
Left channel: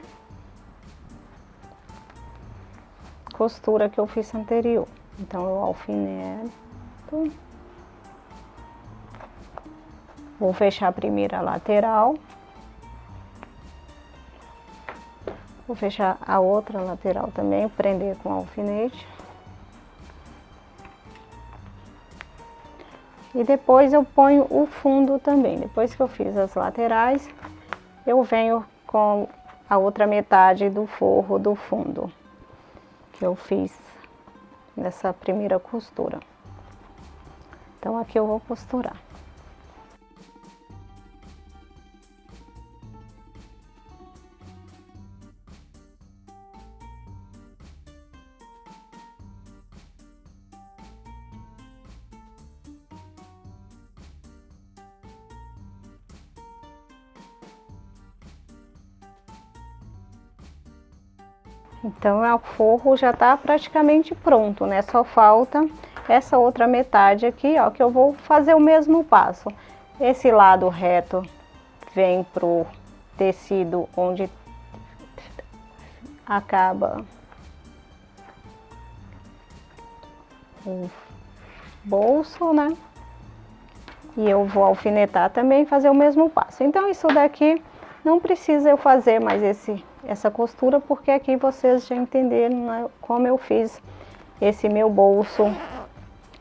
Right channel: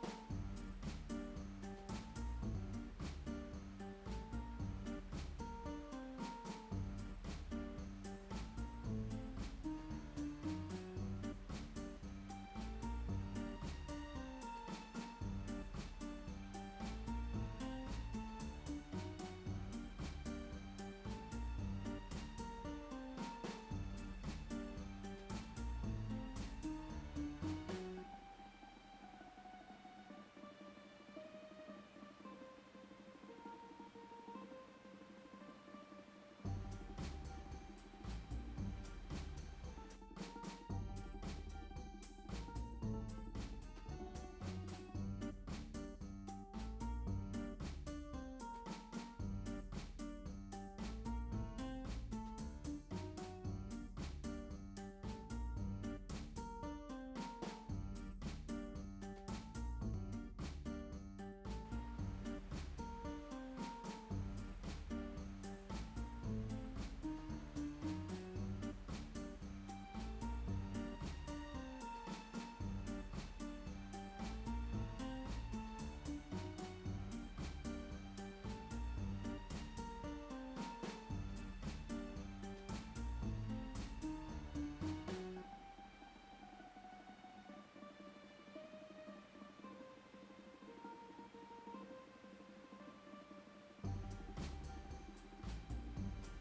costura que eu fiz anterior. Então eu alfineto. Vou fechar a primeira lateral. Vou fechar a outra lateral também, prender com alfinete. E depois eu ponho o fundo também. Depois que eu fiz as laterais, eu venho com a outra metade do forro do fundo, que eu fiz nessa primeira costura. Então aqui eu vou costurar. Então, o forro já tá praticamente pronto, né? Só falta essa outra metade aqui, ó, que eu vou fazer o mesmo passo. Esse lado reto vem pro tecido onde acaba o bolso, né? E eu vou alfinetar também e fazer o mesmo passo. Então, isso daqui não precisa eu fazer mais essa costura, porque aqui vocês já entenderam, né, como eu fiz esse meu bolso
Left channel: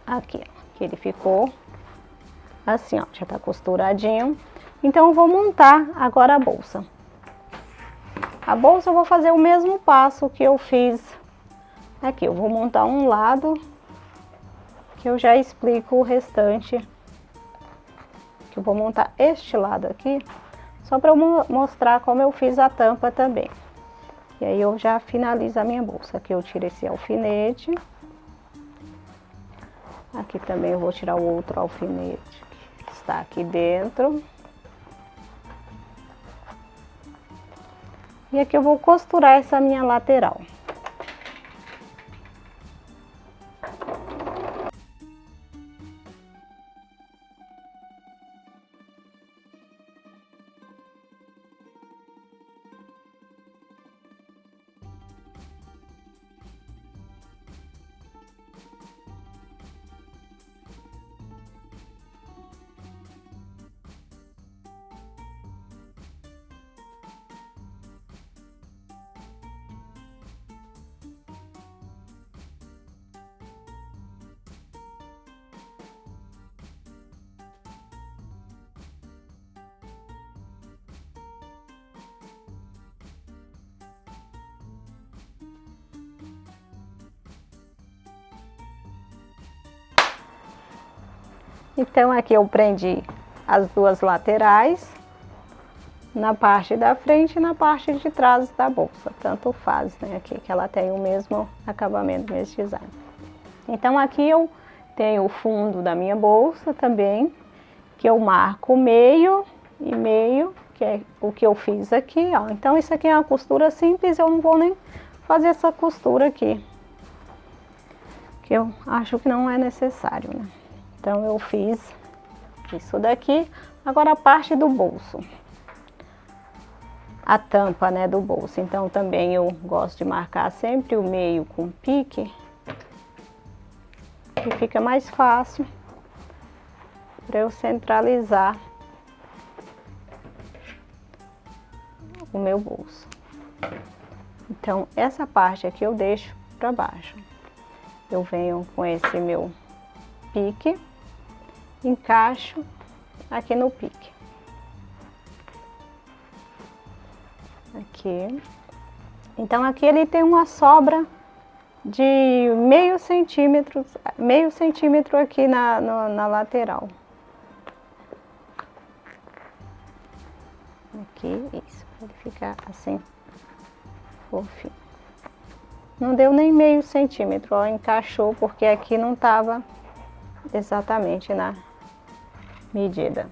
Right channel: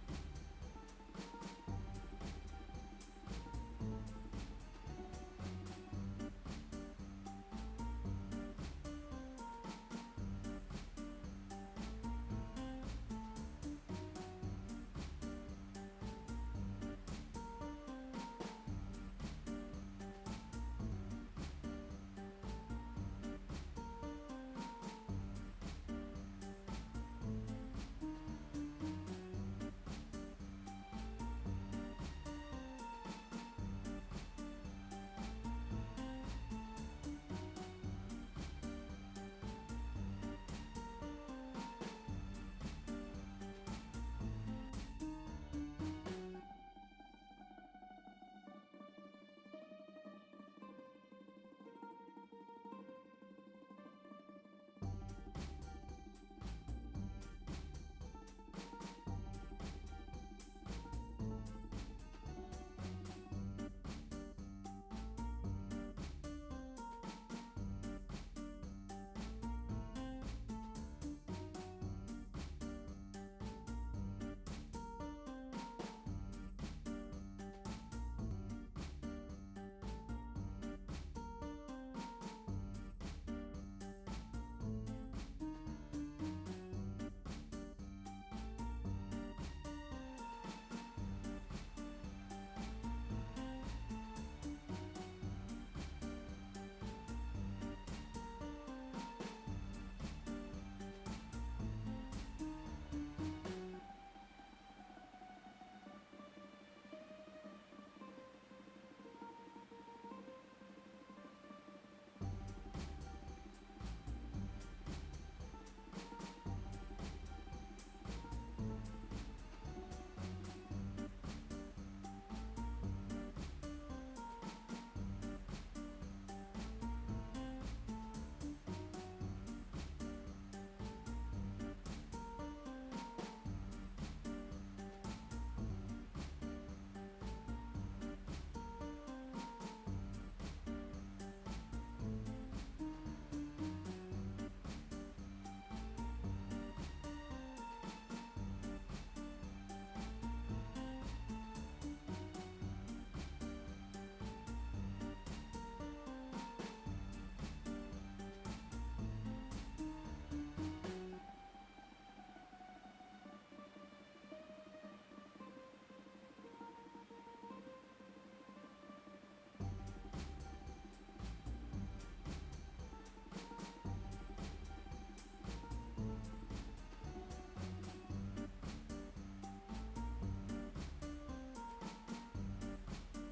aqui, ó, que ele ficou assim, ó, já tá costuradinho. Então eu vou montar agora a bolsa. A bolsa eu vou fazer o mesmo passo que eu fiz Aqui eu vou montar um lado, que eu já explico o restante. Que eu vou montar este lado aqui, só para eu mostrar como eu fiz a tampa também. E aí eu já finalizo a minha bolsa. Aqui eu tiro esse alfinete. Aqui também eu vou tirar o outro alfinete que está aqui dentro. E aqui eu vou costurar essa minha lateral. Então aqui eu prendi as duas laterais, na parte da frente e na parte de trás da bolsa, tanto faz, né, aqui que ela tem o mesmo acabamento, o mesmo design. Então aqui eu tenho o fundo da minha bolsa também, que eu marco meio e meio, que é o que eu fiz aqui, ó. Então isso aqui é uma costura simples, eu não vou nem fazer essa costura aqui, que eu acho que não é necessário, né? Então eu fiz isso daqui. Agora a parte do bolso, a tampa, né, do bolso. Então também eu gosto de marcar sempre o meio com pique, que fica mais fácil para eu centralizar o meu bolso. Então essa parte aqui eu deixo para baixo. Eu venho com esse meu pique, encaixo aqui no pique. Aqui. Então aqui ele tem uma sobra de meio centímetro aqui na lateral. Aqui, isso, para ele ficar assim, fofinho. Não deu nem meio centímetro, ó, encaixou porque aqui não tava exatamente na medida.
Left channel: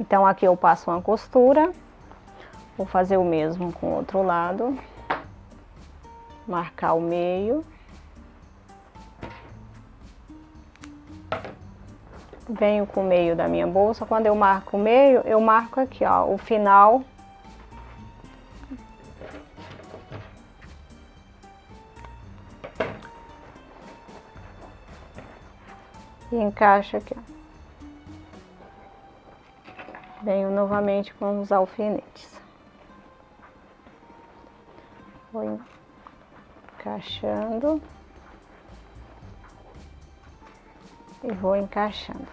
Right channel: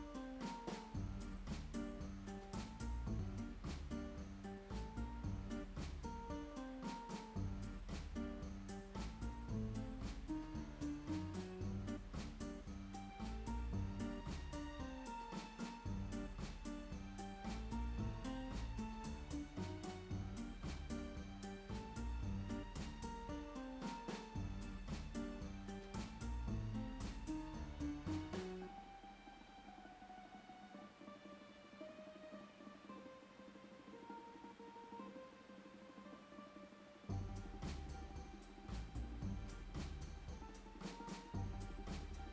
Então aqui eu passo uma costura, vou fazer o mesmo com o outro lado, marcar o meio, venho com o meio da minha bolsa. Quando eu marco o meio, eu marco aqui, ó, o final e encaixo aqui, ó. Venho novamente com os alfinetes. Vou encaixando e vou encaixando.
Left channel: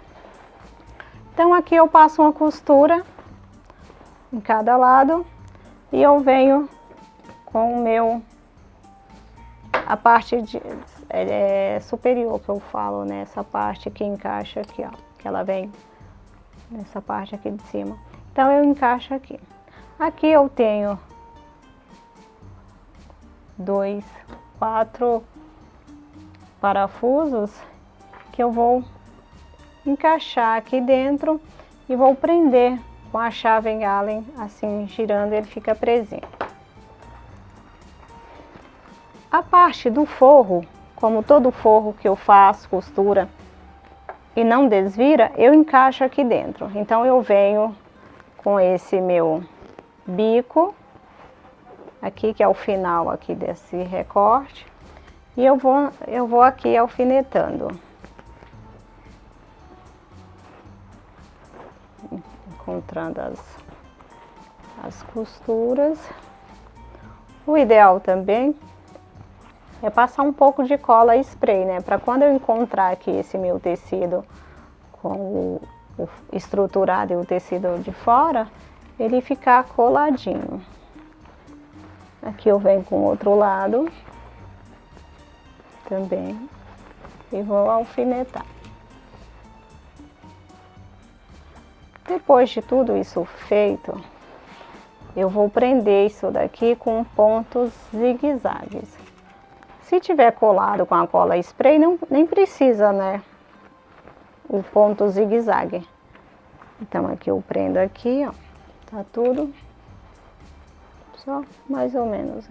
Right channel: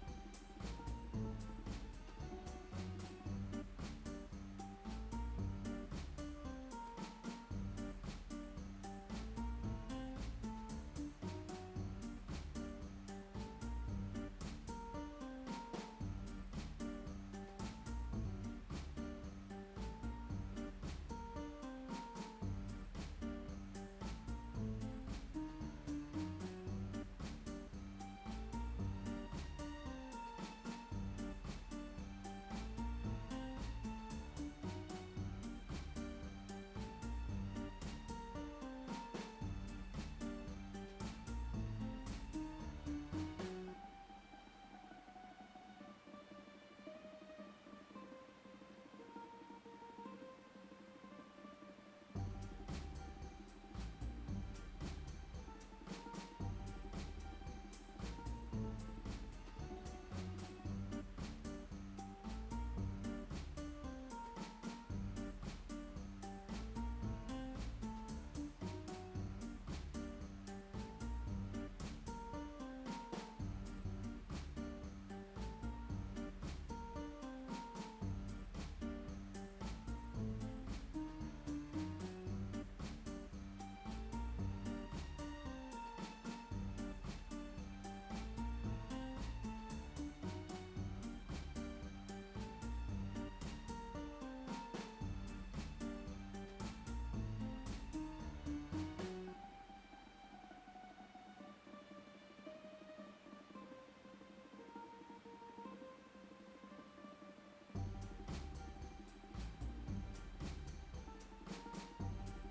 Então aqui eu passo uma costura em cada lado e eu venho com o meu, a parte superior que eu falo, né? Essa parte que encaixa aqui, ó, que ela vem nessa parte aqui de cima. Então eu encaixo aqui. Aqui eu tenho 4 parafusos que eu vou encaixar aqui dentro e vou prender com a chave Allen, assim, girando, ele fica presinho. A parte do forro, como todo forro que eu faço, costura e não desvira, eu encaixo aqui dentro. Então eu venho com esse meu bico aqui, que é o final aqui desse recorte, e eu vou aqui alfinetando, encontrando as costuras. O ideal também é passar um pouco de cola spray, né? Para quando eu encontrar aqui esse meu tecido com o estruturado e o tecido de fora, ele ficar coladinho. Aqui eu venho com o outro lado também e vou alfinetar. Depois de tudo isso feito, eu vou prender isso daqui com pontos zigue-zagues. Se tiver colado com a cola spray, nem precisa, né, o ponto zigue-zague. Então aqui eu prendo aqui, ó, tá tudo, só mais ou menos.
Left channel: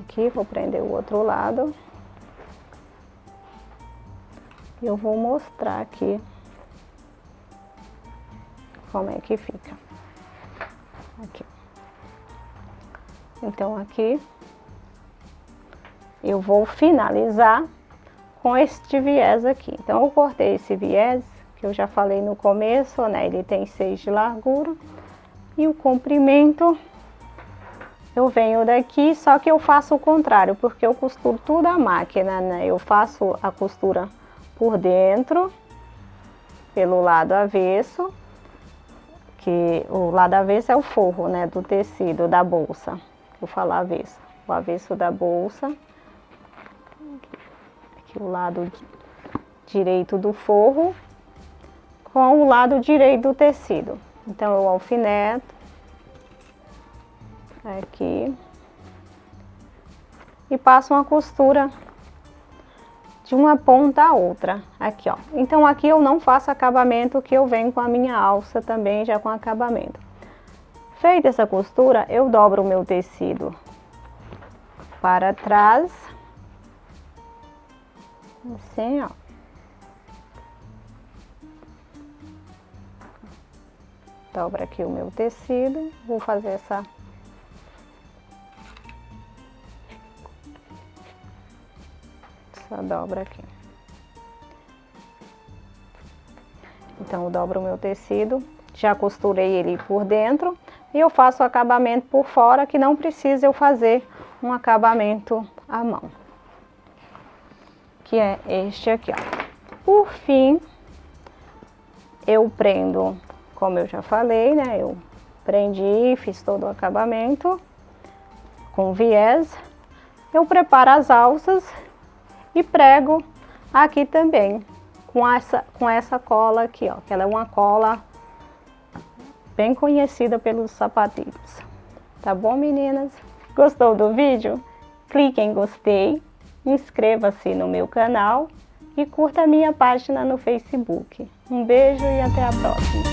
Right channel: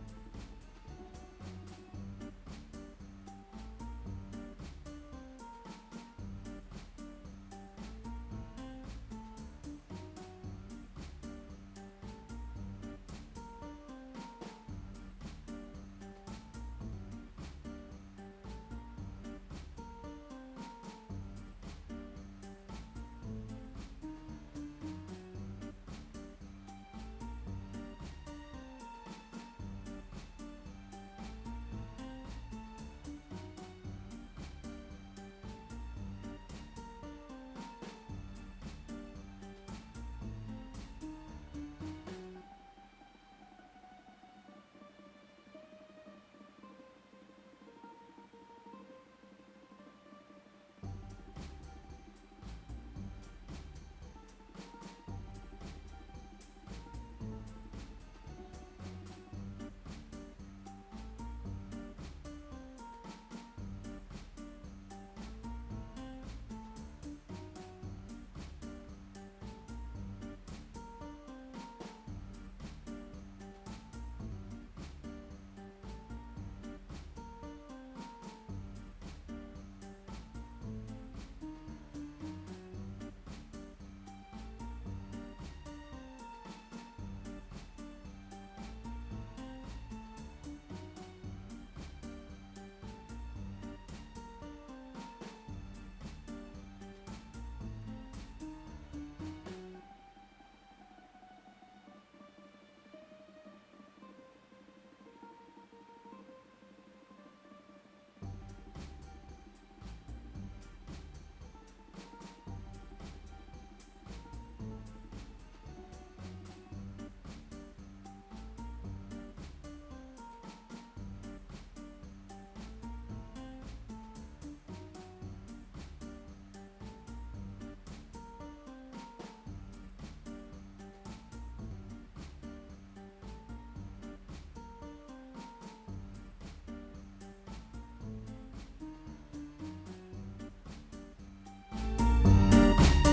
Aqui vou prender o outro lado. Eu vou mostrar aqui como é que fica. Aqui. Então aqui eu vou finalizar com este viés aqui. Então eu cortei esse viés, que eu já falei no começo, né? Ele tem 6 de largura e o comprimento eu venho daqui, só que eu faço o contrário, porque eu costuro tudo à máquina, né? Eu faço a costura por dentro, pelo lado avesso, que o lado avesso é o forro, né, do tecido da bolsa. Vou falar avesso, o avesso da bolsa, aqui o lado direito do forro com o lado direito do tecido. Então eu alfineto aqui e passo uma costura de uma ponta a outra, aqui ó. Então aqui eu não faço acabamento, que eu venho com a minha alça também já com acabamento. Feita essa costura, eu dobro o meu tecido para trás, assim ó. Dobro aqui o meu tecido, vou fazer essa dobra aqui. Então eu dobro o meu tecido, já costurei ele por dentro e eu faço o acabamento por fora, que não precisa eu fazer um acabamento à mão, que é este aqui, ó. Por fim, eu prendo, como eu já falei, né? Eu prendi, fiz todo o acabamento com viés. Eu preparo as alças e prego aqui também com essa cola aqui, ó, que ela é uma cola bem conhecida pelos sapatilhos. Tá bom, meninas? Gostou do vídeo? Clique em gostei, inscreva-se no meu canal e curta a minha página no Facebook. Um beijo e até a próxima!